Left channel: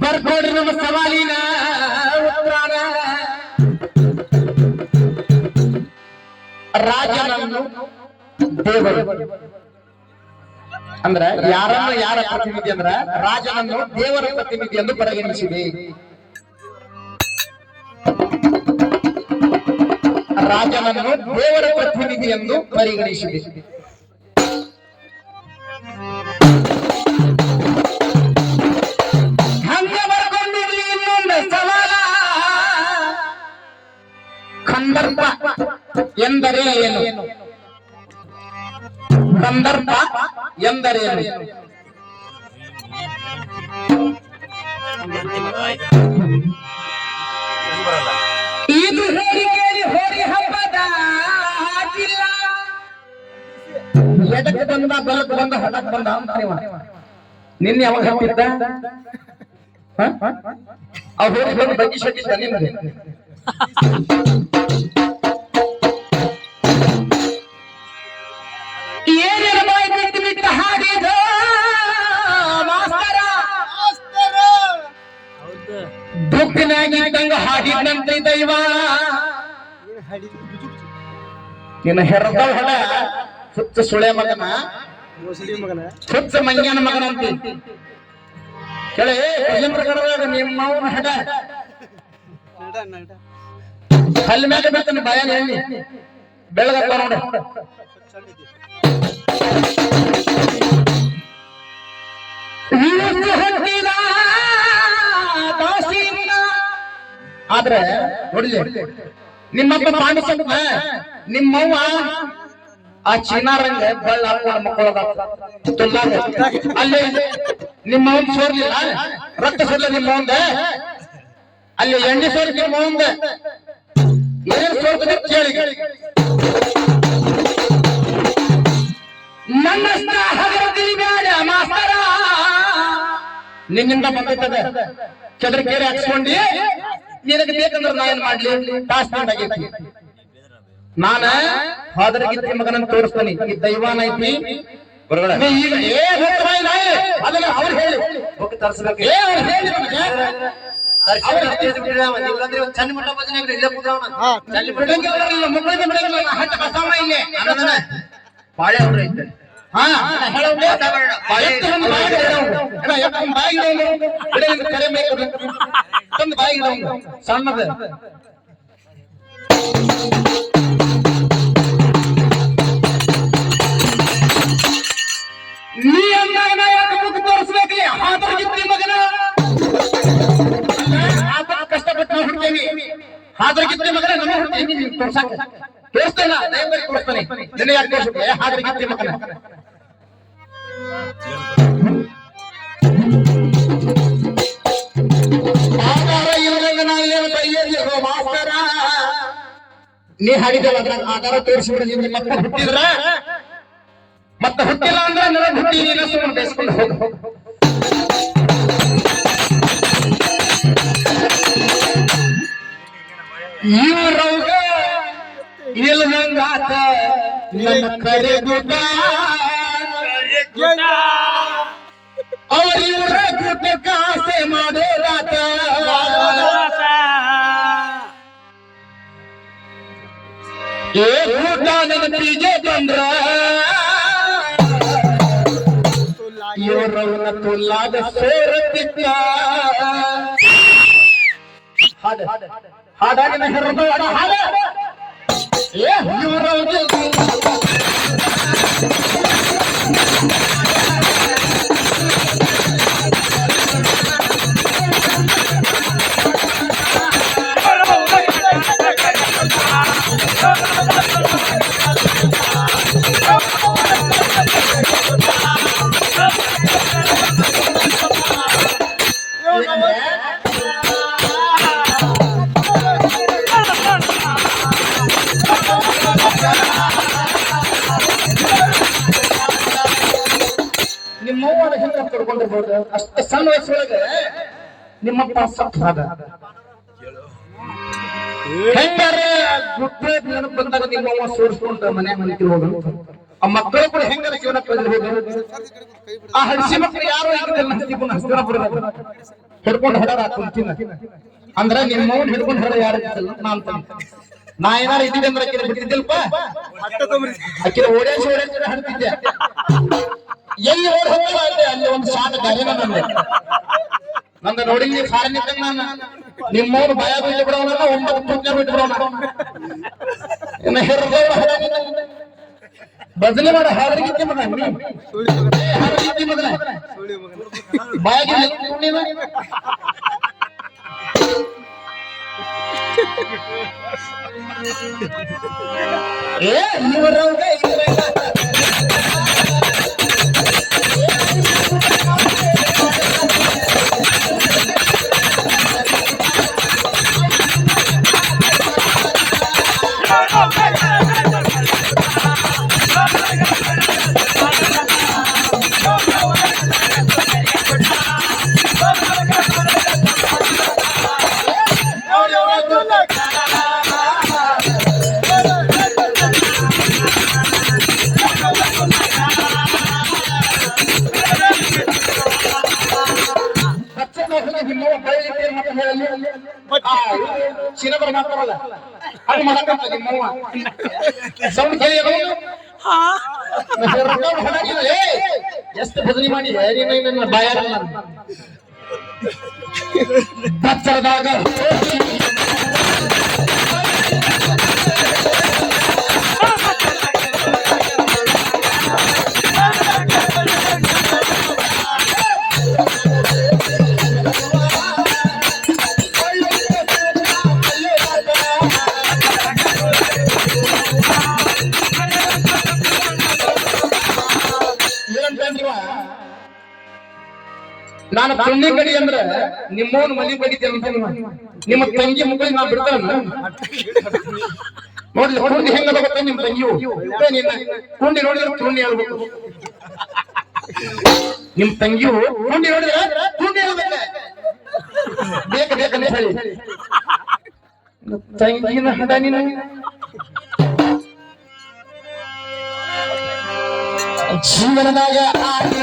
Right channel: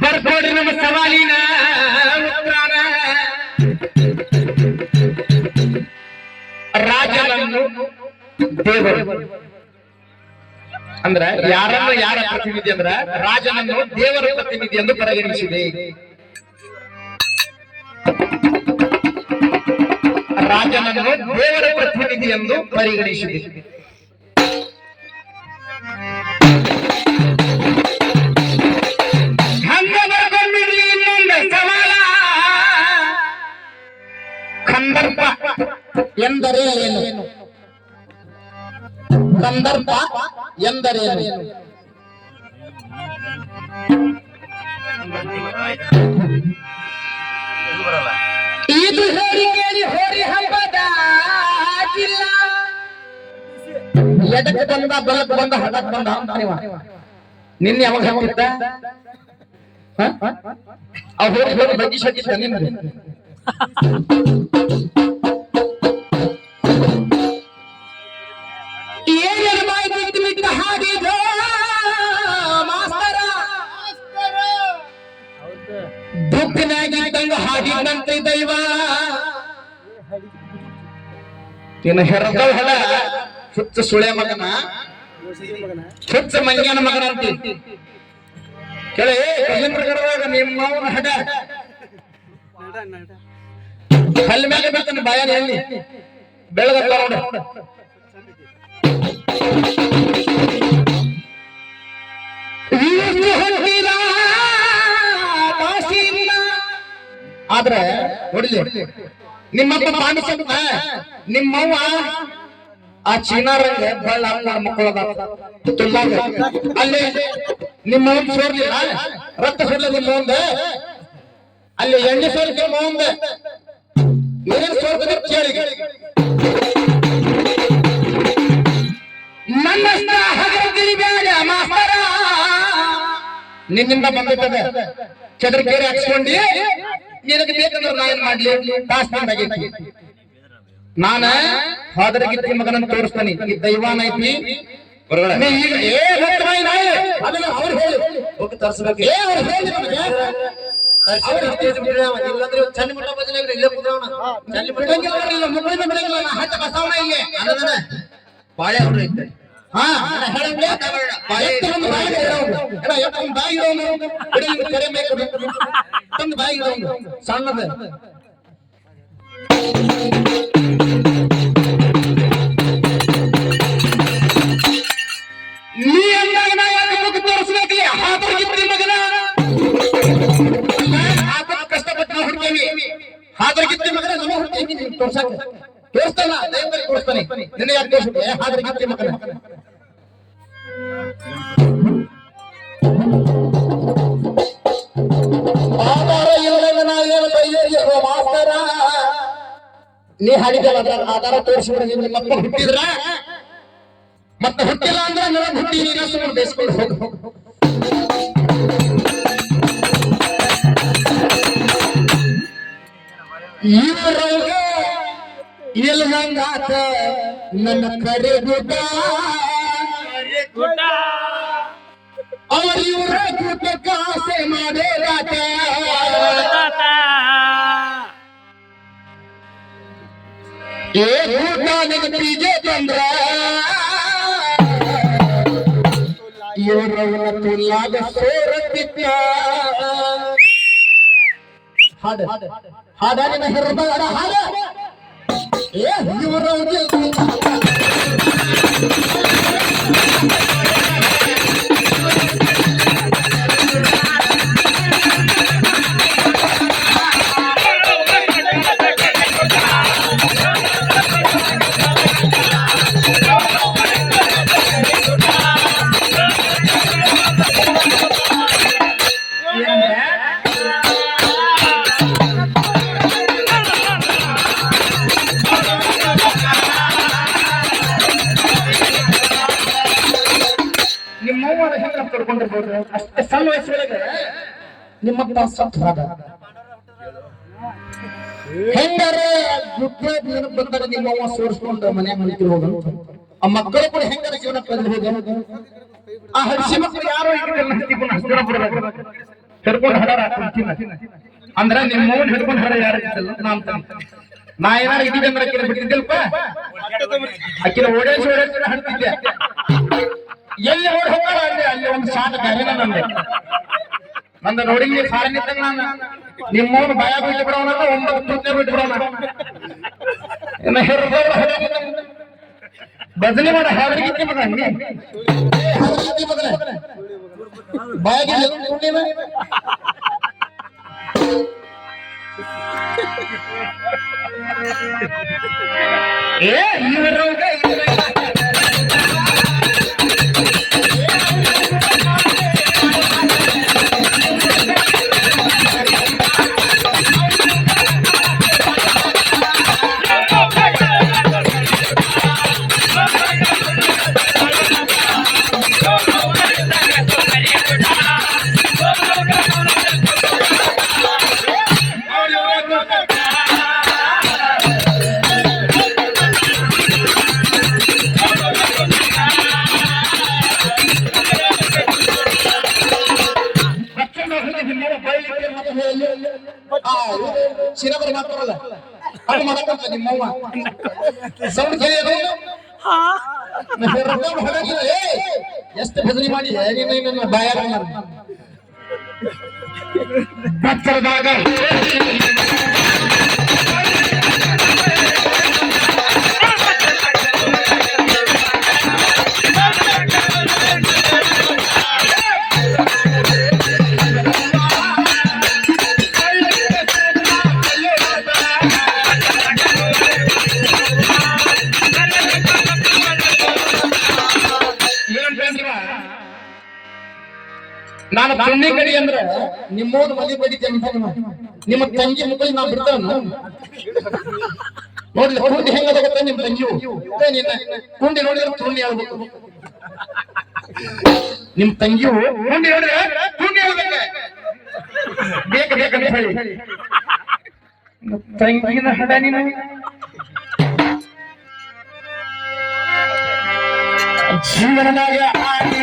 ಬರ್ಕೋಡಿ ನಮ್ಮ ಸವಾಲಿನ ಉತ್ತರ ರಾಜನನ್ನು ದೇವರು ಅಂದ್ರ ಯಾರನ್ನ ಯಾರ ಪ್ರತಿನಿಧಿ ಅಂದ್ರ ರಾಜನನ್ನು ದೇವರ ಪ್ರತಿನಿಧಿ ಎಂದು ಪರಿಗಣಿಸಿದೆ. ರಾಜನನ್ನು ದೇವರ ಪ್ರತಿನಿಧಿ ಎಂದು ಪರಿಗಣಿಸಿದೆ. ಎಂದರೇನು ಇದು ಹೇಳಿ ಹೋರಿ ಹಬ್ಬದ ಜಿಲ್ಲ ಎದಕ್ಕೆ ಬಂದ ಬಲಕ್ಕೆ ಬಂದ ಹಡಕ್ ಬಂದ. ನಿನ್ನೆ ಯಾವಾಗ ಹೇಳ್ತಿದ್ದ? ಅವ್ ಹೋಗಿ ಹೋಗಿ ಬಗ್ಗಿ ಸಟ್ಟಿದ್ದ ನಿನ್ನೆ ಹಾಡಿದಂತ್ರಿ ದೈವ. ನಿನ್ನ ಹೆರದ ಹೆಡ ಹುಚ್ಚ ಸುಳೆ ಮಗನ. ಹುಚ್ಚ ಮಗನ ಮಗನಂತಿ ಕೇಳಿ ಪ್ರಕಾರದಾಗ ನಿಮ್ಮ ಹೆಡ. ಅಲ್ಲಿ ಮೇಲೆ ಬೀಳ್ತಾನೆ ಬಾಯನ್ ಹೇಳಿ ಬೆಳಗತ್ತ ನೋಡು ಆದ್ರೆ ನೋಡಿಲಿ ನಿಮ್ಮಪ್ಪ ಪಾಂಡಿಸಂತ ನಿಮ್ಮವ್ವ ಆ ಚಿನ್ನಾರಂಗ ಬೆಳ್ಳ ಮಕ್ಕಳದ ಅಲ್ಲೇ ನಿಮ್ಮ ಸೋರ್ಲಿಲ್ಲ ರಕ್ತ ಸೋರ್ಲ ನಿಮ್ಮ ಮುಂದೆ ಅಲ್ಲಿ ಎಣ್ಣೆ ಸೋರ್ ನಿಮ್ಮ ಮುಂದೆ ಏನ್ ಸೋರ್ತದೆ ಕೇಳಿ ನನ್ನಷ್ಟ ಬೇಡ, ಮಾಸ್ತರ. ನಿನ್ನಿಂದ ಬಂದಿರ್ತದೆ ಚದ್ರ ಕೇರಿ ನಿನಗೆ ಬೇಕಂದ್ರೆ ನಾ ಏನ್ ಮಾಡ್ಲಿ? ಪಾಸ್ ಆಗೈತಿ. ನಾನ ಹಾದರಗಿತ್ತಿ ಮಗನನ್ನ ತೋರಿಸ್ತಾನೆ. ಈ ದೈವಾನ ಐತಿ. ನೀ ಈಗ ಏ ಬಾಯಿ ಅದನ್ನ ಅವ್ರು ಹೇಳಿ. ಹೋಗಿ ತರ್ಸ್ಬೇಕು. ಏ ಅವ್ರು ಹೇಳಿ ನನಗೆ. ಚಂದ ಮಠ ಭಜನೆ ಇಲ್ಲೇ ಕೂತಾವನ ಬಿಡಂಗಿಲ್ಲ ಬರ್ಲಿಲ್ಲ, ಮುಗ್ಗರಿಗೆ ಬಿಡಂಗಿಲ್ಲ, ನಾ ಹಟ್ಟ ಬಸವಣ್ಣ ಇಲ್ಲೇ. ಅನ್ನದನ ಬಾಳೆ ಅವ್ರ ಐತೆ. ಇಡೋನು. ನೀ ಅಂದಾಗ ಯಾಕೆ ತೋರಿಸ್ಬೇಕ್ರಿ? ಹಾದರಗಿತ್ತಿ ಮಗನ. ಅಲ್ಲ, ಆತ ಕಷ್ಟಪಟ್ಟು ನಾವು ಹುಡ್ತೇವಿ. ಹಾದರಗಿತ್ತಿ ಮಗನ ನಮ್ಮ ಹುಡ್ತೇವಿ ನೀನು ತೋರ್ಸಕ್ಕೆ. ತೋರಿಸ್ತಾನ, ದಯಮಾಡಿ ತೋರಿಸ್ತಾನೆ. ನಿನ್ನ ಯಾಕೆ ತೋರಿಸ್ಬೇಕು? ಏ, ಹಾದರಗಿತ್ತಿ ಮಗನ. ನಾ ಹಾಡಿದಲ್ಲ ಅದ್ರಾಗ ಆಧಾರ ತೋರಿಸಿದ್ರೆ ನಿಮ್ಮ ಮಕ್ಕಳು ಹುಟ್ಟಿದ್ರ? ಮತ್ತೆ ಹುಟ್ಟಿಲ್ಲ ಅಂದ್ರೆ ನನಗೆ ಹುಟ್ಟಿ, ನೀನು ಸುಮ್ಮನೆ ಬೇಯಿಸ್ಕೊಂಡು ಹೋಗು. ಇವ್ರವ್ಗ ಇಲ್ಲದಂಗಾತ ನನ್ನ ಕರೆ ಗುಡ್ಡ ಅವ್ರ ಇವ್ರ ಗುಡ್ಡಕ್ಕೆ ಆಸೆ ಮಾಡೇರಾತ ಏ ಊಟ ನನ್ನ ಪಿಜೆ ತಂದ್ರ ಇವ್ರವನ ತುಲ್ಲಾದ ಸೋರತ್ತಿತ್ತ ಹಾಡ ಹಾಡ ನಿನ್ನ ಹೆರದ ಹಾಡ ಏ ಇವ್ರವ್ಗೆ ತಿಳ್ಕೊಂಡಿರ್ಬೋದು Thank you. ಅಷ್ಟ ಸಣ್ಣ ವಯಸ್ಸೊಳಗೆ ನಿಮ್ಮಪ್ಪ ಸತ್ರಾದ ಹೆಂಗಾರ ದುಡ್ಡ ನೆನಪು ಬಂದಾಗ ನಿಮ್ಮವ್ವ ಸೋರಿಸ್ಕೊಂಡು ಮನೆ ಮನೆಗೆ ಆ ಮಕ್ಕಳು ಕೂಡ ಹೆಂಗಾರ ಜೀವನ ಆ ಹಡಿಸಿ ಮಕ್ಕಳು ಯಾರು ಹಸ್ತಿಕೊಂಡು ಹಸ್ತಿನ ಬಿಡ್ಬೇಕು ಹಿಡ್ಕೊಂಡು ಹಡಾರ ಅಂದ್ರೆ ಅಂದ್ರ ನಿಮ್ಮ ಹಿಡ್ಕೊಂಡು ಹಡ ಯಾರು ನಾನು ನಾ ಏನಾರ ಇದ್ದಿದ್ದೆ ಅಂದ್ರೆ ಆಕಿನ ಬಿಟ್ಟಿದ್ದಿಲ್ಪ ಓಡಾಡ್ಸಿ ಓಡಾಡ್ಸಿ ಹಡ್ತಿದ್ದೆ ಎಲ್ಲಿ ಓಡ್ ಹೋಗೋಣ ಅಲ್ಲಿ ಅಲ್ಲಿ ಒಂದು ಶಾಂತ ಗಾಲಿನ ಬಂದೆ ನಂದ ನೋಡಿ ಫಾರಿನ್ ಇದ್ದಂಗ ನಾನು. ನಿಮ್ಮವ್ರು ಭಯ ಬಿಟ್ಟು ಬಿಡೋಣ ಒಂಬತ್ತು ಪುಣ್ಯ ಬಿಡವನ ಇನ್ನು ಹಡಾಗಿಲ್ಲ ಬದಲಿ ಮಾಡ ಹಾವರಿಗಿತ್ತಿ ಮಗ ನೀ. ಹಾವರಿಗಿತ್ತಿ ಮಗನ. ಬಾಯಾಗಿಲ್ಲ ನೀನು ಏ ಇವರವ್ಗ ಅದು ಮಾಡಕ್ಕಂತ ನಿಮ್ಮವ್ವ ಸೌಂಡ್ ಕೇಳಿ ಎಷ್ಟು ಬೆದರಿ ಮಾಡಿ ನೀನು ನನ್ನ ಬಾಯಾರ ಕಚ್ಚರದಾಗ ನಾನು ಕಣ್ಣಿ ಕಡಿ ಅಂದ್ರ ನಿಮ್ಮೋನ್ ಮಲಿ ಬಡಿತೆ ಅಂತಾನ ನಿಮ್ಮ ತಂಗಿ ಮುಗಿದ್ ನಾ ಬಿಡ್ತಾನ. ನೋಡ್ಲಿ ಹುಡುಗಿ ಹೆಂಗ ಗೊತ್ತಾ ನಿಮ್ ತಂಗಿಯು? ನಿನ್ನ ಕುಂಡಿ ನೋಡಿದ್ರೆ ತುಂಡಿ ಹೇಳ್ಬೇಕು. ನಿಮ್ ತಂಗಿಯು ಕುಂಡಿ ನೋಡಿದ್ರೆ ಕುಂಡಿ ಹೇಳ್ಬೇಕ. ಬೇಕ ಬೇಕಂತ ಹೇಳಿ. ತಂಗಿನ ಹಡ ನೀನು? ಜೀವನದಾಗ ಆಡಿ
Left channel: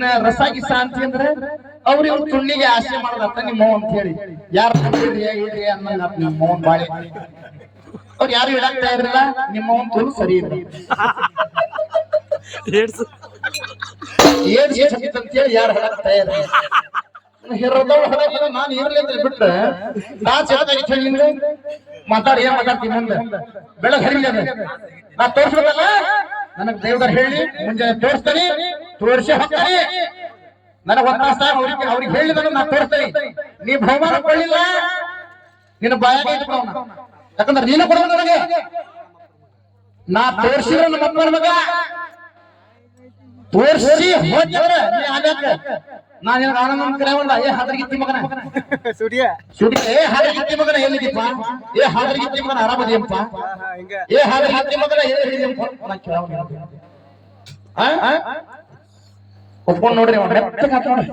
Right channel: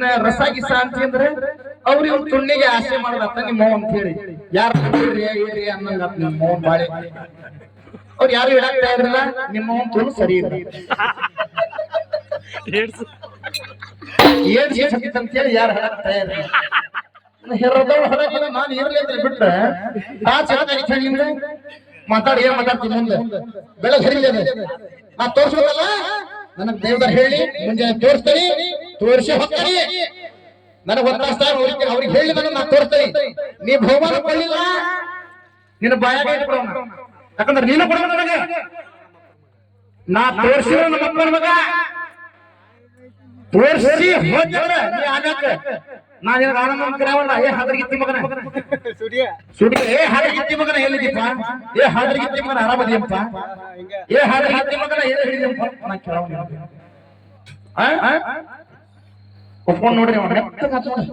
ನೀನ ರಸಾಗಿ ಶಾಂತಿ ಅಂದ್ರೆ ಅವ್ರು ಇವ್ರು ತುಣ್ಣಿಗೆ ಆಸೆ ಮಾಡ್ರತ್ತ ನಿಮ್ಮ ಅಂತ ಹೇಳಿ. ಯಾರು ಕೇಳ್ರಿ ಏರಿ ಅನ್ನಂಗ ನಿಮ್ಮ ಮೌನ್ ಬಾಳೆ. ಅವ್ರು ಯಾರು ಇಡಕ್ತಾ ಇದ್ರಲ್ಲ ನಿಮ್ಮ ಅವ್ನ್ ತುಳು ಸರಿ ಇಲ್ಲ. ಏನ್ ಏನ್ ಅಂತ ಹೇಳಿ ಯಾರು ಹೇಳಾಗ್ತಾ ಇದ್ರಿ? ಹೇರೋದವ್ರು ಹೇಳಕ್ಕಿಲ್ಲ ನಾನು ಇರ್ಲಿ ಅಂತ ಬಿಟ್ರೆ ನಾ ಚೆನ್ನಾಗಿ ಹೇಳಿ ಮಾತಾಡಿ ಏನ್ ಮಾತಾಡ್ತೀನಿ ಮುಂದೆ? ಬೆಳಗ್ಗೆ ಹರಿಲಿ ಅದು ನಾ ತೋರ್ಸೋದಲ್ಲ? ನನಗ್ ದೇವ್ರ ಹೇಳಿ ಮುಂಜಾನೆ ತೋರಿಸ್ತೀನಿ. ತೋರಿಸಿ ಹೋಗ್ತಾನೆ ನನಗ್ ಒತ್ತಾಸ್ತಾ ಅವ್ರಿಗೆ ಅವ್ರಿಗೆ ಹೇಳಿದ ನಾನು ನಾ ತೋರಿಸ್ತೀನಿ. ನೀ ಬಹುಮಾನ ಕೊಡಲಿಲ್ಲ? ನಿನ್ನ ಬಾಯಾಗ ಇಟ್ಬಿಡೋಣ ಯಾಕಂದ್ರೆ ನೀನು ಕೊಡೋ ನನಗೆ. ನಾ ತೋರಿಸಿದ್ರೆ ನಮ್ಮ ಅಪ್ಪನ ಮಗ. ತೋರಿಸಿ ನಾನು ನೀ ಆಗಾಕ ನಾ ಏನಾರ ಆನಂದ ಕರೆಯವಲ್ಲ ಏ ಹಾದ್ರಗಿತ್ತಿ ಮಗನ. ಸೂರ್ಯ. ಸುಡಿ ಏ ಹಾದ್ರಗಿತ್ತಿ ಮಗನ ಎಲ್ಲಿದ್ದೀಪ ಏ ಹಾದ್ರಗಿತ್ತಿ ಮಗನ ಆರಾಮದಿಯಪ್ಪ? ಏ ಹಾದ್ರಗಿತ್ತಿ ಮಗನ ಎಲ್ಲಿ ಹಿಡಿದಪ್ಪ ನಾ ಕೇಳವ ಒಪ್ಕೊಂಡ್ ನೋಡ್ರಿ ಅವ್ನ ಮೆತ್ತಗ ಆತ್ ನೋಡ್ರಿ.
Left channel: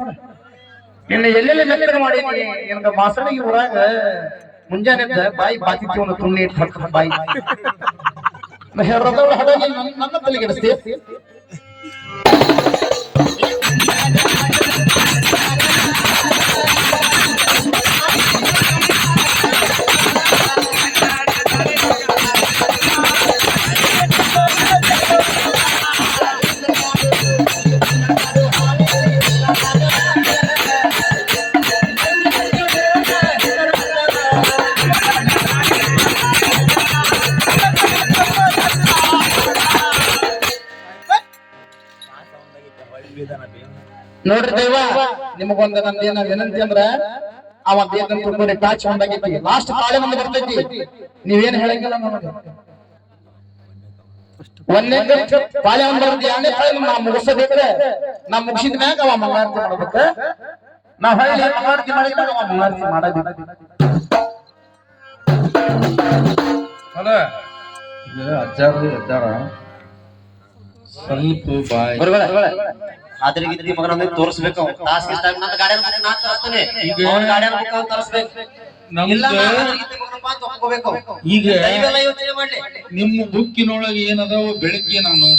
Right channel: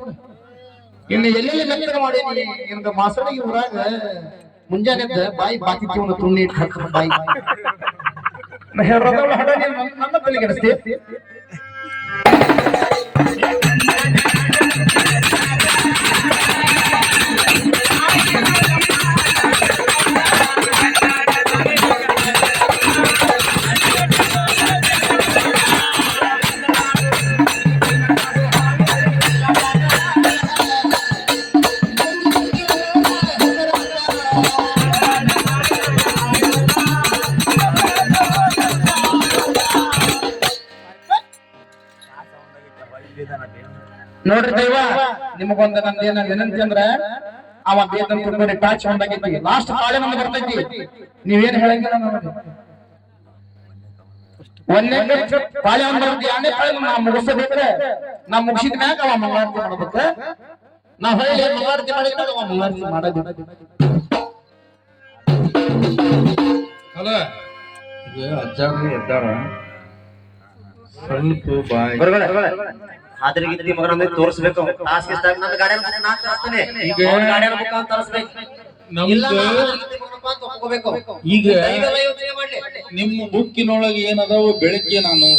ಇನ್ನು ಎಲ್ಲೆಲ್ಲಿ ಮೆತ್ತಗ ಮಾಡೀನಿ ನಿಮ್ಗೆ ಮಾಸಣಿಗೆ ಊರಾಗ ಮುಂಜಾನೆ ಎದ್ದ ಬಾಯಿ ಬಾತಿತ್ತಿ ಒಂದು ತುಣ್ಣಿ ಇಟ್ಟು ಹಾಕ್ತಾರೆ ಬಾಯಿ ನಾ ಹೇಳೋದವ್ಳು ಹಡ ನೀನು ನನ್ನ- ನನ್ನ ನಿಮಗೊಂದ ನಂದೇನ ವಿನಂತಿ ಅಂದ್ರ, ಅವ ಬೇಕಂತ ತಿಳ್ಕೊಂಡ್ರೆ ಟಾಚ್ ಹೊಂದಾಗೈತಿ ಲಾಸ್ಟ್ ಕಾಳೆ ನಮ್ಗೆ ಬರ್ತೈತಿ. ನೀವೇನ್ ಹೇಳಂಗಿಲ್ಲ ನಮಗೆ. ಒಂದೇ ಕಾಳೆ ಒಂದ್ ಬರ್ತೈತಿ, ಎರಡನೇ ಪಾಳೆ ನಾ ಮುಗಿಸಬೇಕ್ರೆ ನಾ ಮುಗಿಸಿದ ಮ್ಯಾಗ ಅವ ಮಂಗಳಾರತಿ ಮಾಡ್ಬೇಕ. ನಾ ಹೇಳಿ ಮಂಗಳಾರತಿ ಮಾಡಿದಾಗ ಅವ ಮಂಗಳಾರತಿ ಮಾಡೋದು. ಅಲ್ಲ, ಈಗ ಅಜ್ಜಾರ್ದು ಅಜ್ಜಾರ ಸ್ವಲ್ಪ ಬಾಯ್ ತೋರಿಸ್ಬೇಕು. ನನ್ನ ತರಿಸ್ತೀನಿ. ಈಗ ತರಿಸ್ಬೇಕು. ಇಲ್ಲ ನಿಮ್ಮ ಬುಕ್ಕಿನೊಳಗೆ ಏನದಾವ ಬೆಳಗ್ಗೆ ನಾನು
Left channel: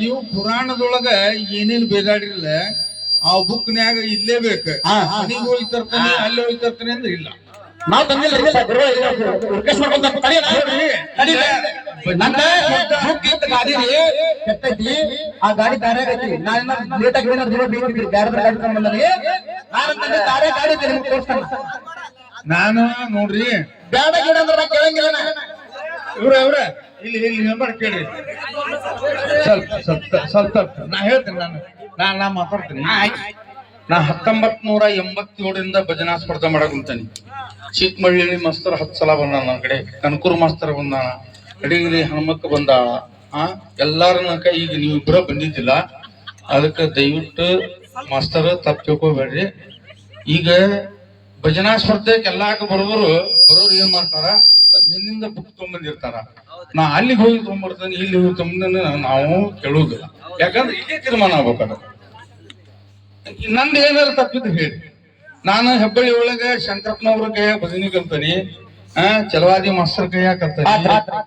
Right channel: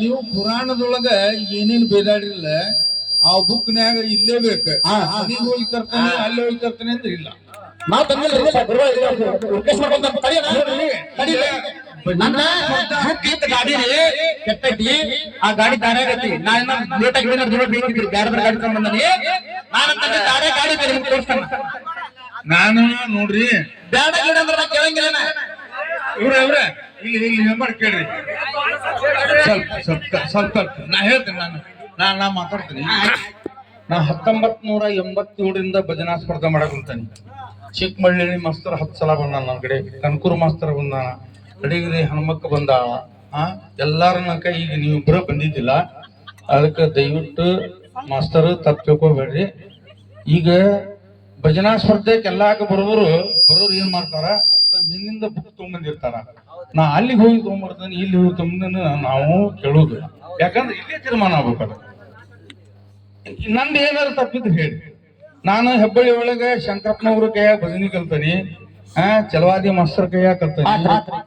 ನೀವು ಪುರಾಣದೊಳಗ ಏನೇನ್ ಬೇದಾಡಿರಲ್ಲ ಆ ಬುಕ್ನ್ಯಾಗ ಇಲ್ಲೇ ಬೇಕು. ಮನಿಗ್ ಹೋಗಿ ತರ್ತೀನಿ ಅಲ್ಲಿ ಹೋಗಿ ತರ್ತೀನಿ ಅಂದ್ರೆ ಇಲ್ಲ. ನಾವ್ ತಂದಿಲ್ಲ ರಿಕ್ವೆಸ್ಟ್ ಮಾಡ್ಕೊಂತ. ನನ್ನ ಗಾಡಿ ಕೆಟ್ಟೈತಿ. ಆ ಗಾಡಿ ದಾರೆ ಆಗೈತಿ. ನಾ ಇನ್ನ ಲೇಟ್ ಆಗಿ ಏನಾರ ದಿನ ಬೇಕಿದ್ರಿ ಬ್ಯಾರೆ ಬೇರೆ ಗಾಡಿ ತಗೊಂಡ್ ನಾನು ತಂದೆ ದಾರೆ ಗಾಡಿ ಬೇರೆ ನಿಮ್ಗೆ ತೋರಿಸ್ತಾನ. ನಾನು ನೋಡ್ರಿ. ಬ್ಯಾಡ ಗಿಡ ಅಂದ್ರೆ ನಾ ಕೇಳಂಗಿಲ್ಲ ನಾ. ಇವ್ರ ಇವ್ರ ಇಲ್ಲಿ ಇಲ್ಲಿ ನಂಬರ್ ಕೇಳ್ರಿ. ಸ್ವಲ್ಪ ಸ್ವಲ್ಪ ಸ್ವಲ್ಪ ಸ್ವಲ್ಪ. ನಾ ಹೇಳ್ತೀನಿ ನಾನು. ನಾ ನಾ ಮಾತಾಡ್ತೀನಿ. ನಾ ಹತ್ತೊಂಬತ್ ನೂರ ಎಂಬತ್ತೇಳರಿಂದ ಭಜನಾ ಸ್ಪರ್ಧೆ ಮಾಡಕ್ ಕುಂತಾನಿ ಚಿಕ್ಕಮಳ್ಳಿ ಮಾಸ್ತರ್ ಹತ್ತು ಸಲ ಬಂದ ನನ್ನ ಕಡೆ, ಕನಕೂರು ಮಾಸ್ತರ್ ಬಂದ ಅಡಿಗಿರಿ ಹನುಮಕ್ಕ ಬಂದ ಎಲ್ಲಾರನ್ನ ಈಗ ನೀವು ಇಬ್ಬರ ಬಂದಿದ್ದಿಲ್ಲ. ಅದಕ್ಕೆ ದಯವಿಟ್ಟು ಮಾಸ್ತರ್ ತಪ್ಪು ಈಗ ಭಜನಾ ಸ್ಪರ್ಧೆಗೆ ಎಲ್ಲಾಕ ಬರೋರು ಬರೋರು ಏನ್ ಮಾಡ್ತಾರ? ನಿನ್ನಿಂದ ಬುಕ್ ತಗೊಂಡ್ಬಂದಿರ್ತಾರ ನಾ ಅಲ್ಲಿಗೆ ಹೋಗಿ ತಗೊಂಡ್ಬರ್ತಾನೆ ಇಲ್ಲಿ ಹೋಗಿ ತಗೊಂಡ್ ನಾವು ಕೇಳುವುದಿಲ್ಲ. ಯಾಕಂದ್ರೆ ಇಲ್ಲೇ ತೀರ್ಮಾನ ಆಗ್ಬೇಕಲ್ಲ. ನಂದು ಏನಾದ್ರು ತಪ್ಪಿದ್ರೆ ಹೇಳಿ. ನಾನು ಹೆಬ್ಬಳ್ಳಿ ಒಳಗ ಶಂಕರಪ್ಪನವ್ರ ಕೈಯಾಗ ಭಜನಿ ಕಲ್ತಾನಿ, ಆ ಚಲವಾದಿ ಮಾಸ್ತರ್ ಕೈಯಾಗ ಕಲ್ತಾನಿ.